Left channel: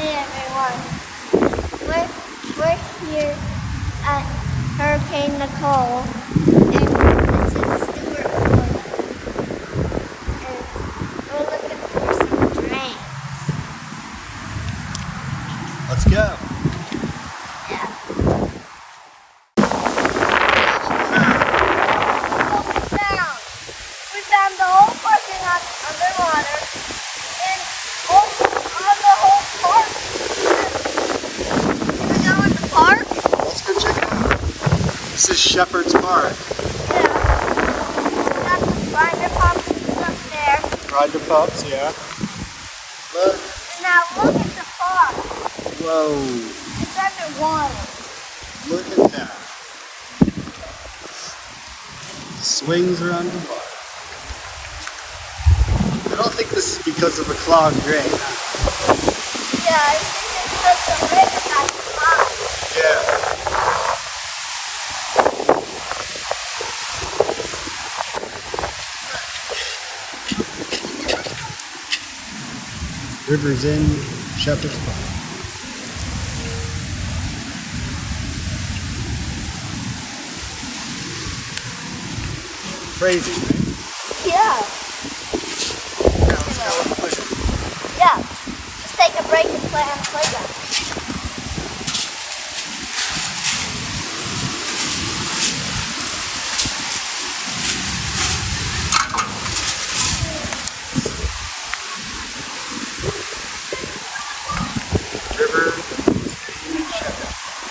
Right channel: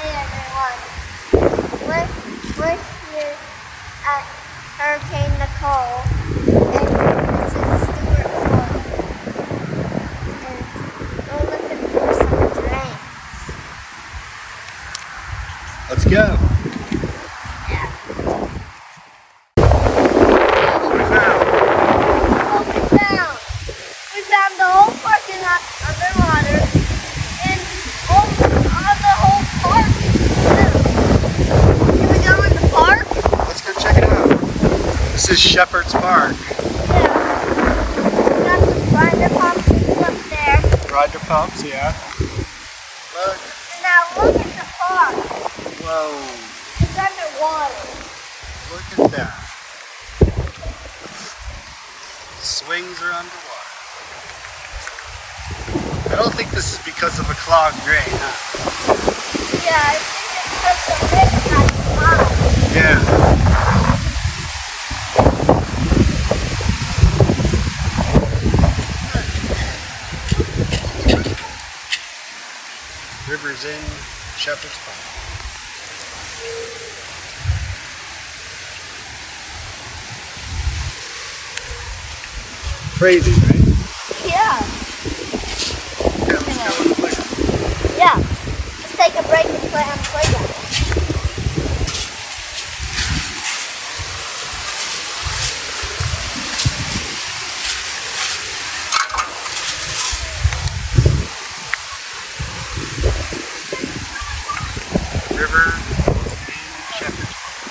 Hey everyone, we're here at Hurricane Nicole, and this is Stuart, Florida, and we're looking for some drinks. Let's go. Yeah. We found the whole parking lot underwater, and on the whole park. You wanna go in the park? Let's go check it out. This is Shepherd's Park. Yeah. We got some grinder pumps and stuff there. Grinder pumps, yeah. Look. And now look at the park. Whoa. It's underwater. Look at that. Swings are underwater. I don't think this is because of a clogged drain, huh? Yeah, I think it's because the river got high. Yeah. River's in Shepherd's Park. Crazy, right? Yeah. Yeah, let's go on the playground. Yeah. Let's take a break and play on the playground. River in Shepherd's Park.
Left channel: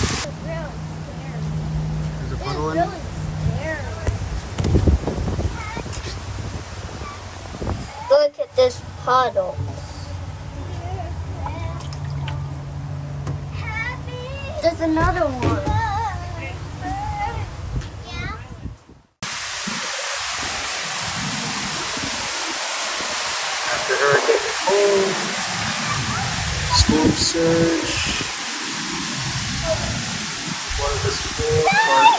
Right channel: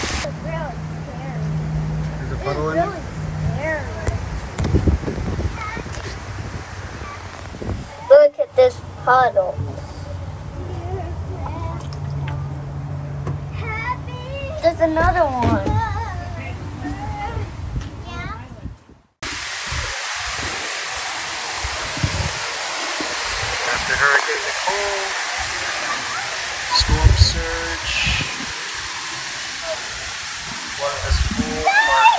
It's really scary. There's a It's puddle in really it. scary. Look at this puddle. There's another one. After Hurricane Nicole, storm surge, one of this pool park.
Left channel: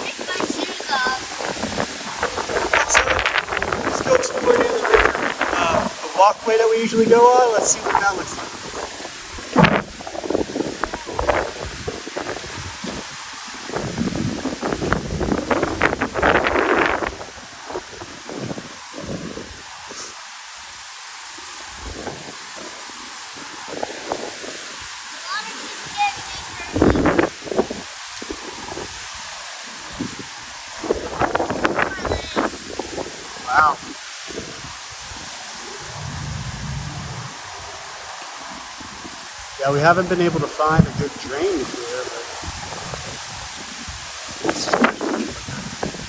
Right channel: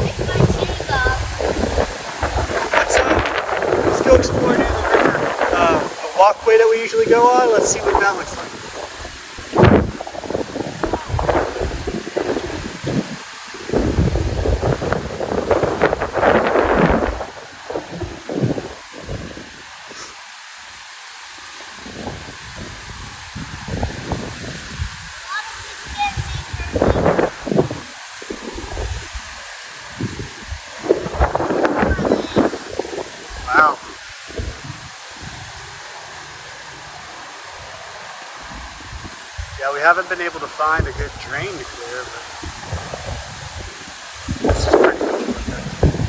Take my shoes off. So, let's go explore near the river. The walkway that we usually go on, let's see what that looks like. Wow. Yeah, we haven't been able to find a good drainage here, but this is pretty much what that is.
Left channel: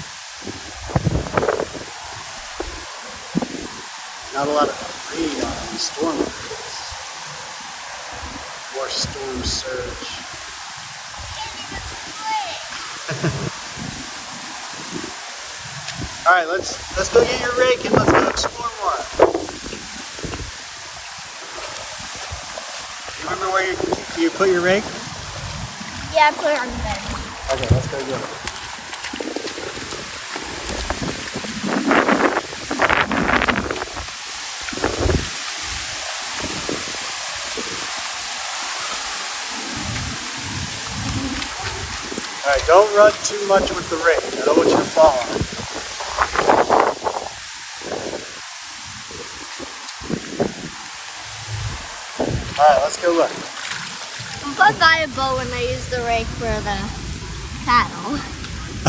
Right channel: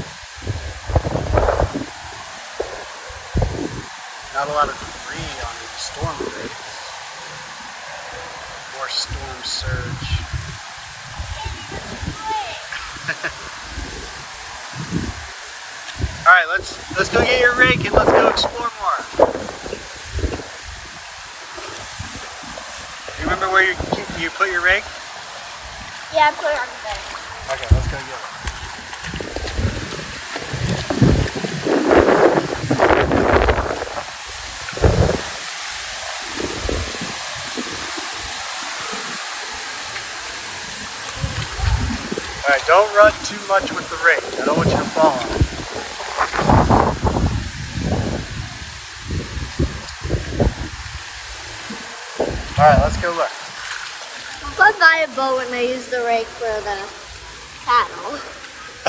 Not a lot of debris on any storm drains. More storm surge. All right, let's go get your rake and let's go explore more. You remember where you put your rake? Yeah, I put it on the bed. Okay, let's go get it. All right, don't run too much with the rake. I don't want you to fall on it. All right, let's go look. I'm going to buy a boat when I use the rake for the paddle.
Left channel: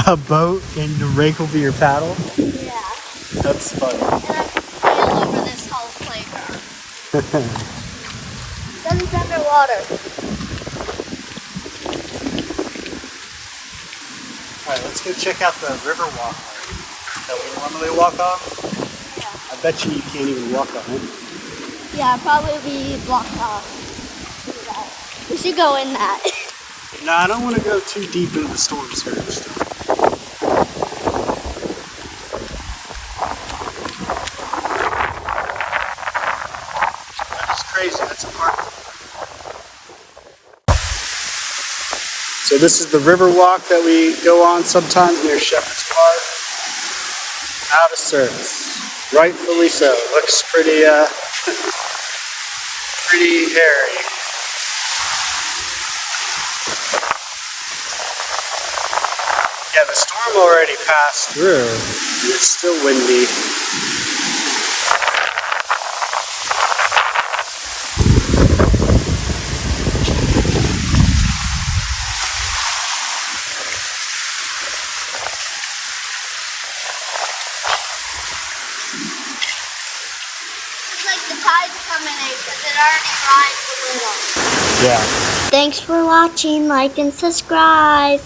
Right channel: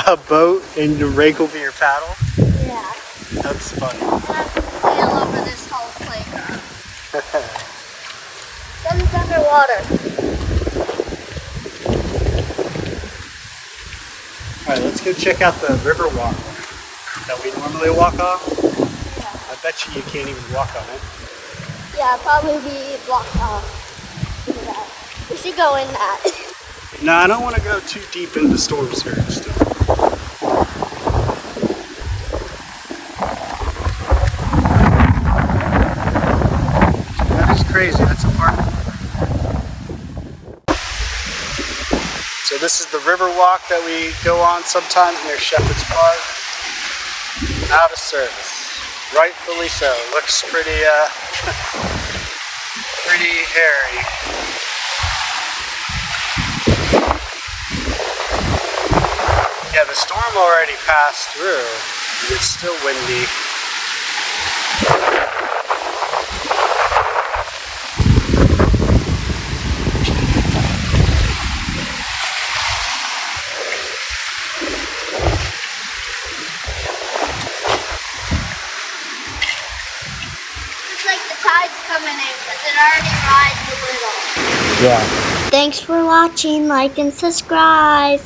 A boat and the rake will be your paddle? Yeah. That's funny. And I can sail over this whole playground. Then it's underwater. All right, let's go check out the Riverwalk that we normally walk on. Yeah. I bet you can't even walk on it. Yeah, probably be blocked off. Look at that. We should go in that. No, I don't want to go too deep into storm surge stuff. crazy. That's a park. So this is the Riverwalk that we go on sometimes near Shepherd's Park. Out of service. Rightfully so. Looks pretty pretty hairy. Yeah, the storm already passed through, and it's still windy. It's like the tide's coming in because it already rides a little. Yeah. Thanks for watching. Like and subscribe.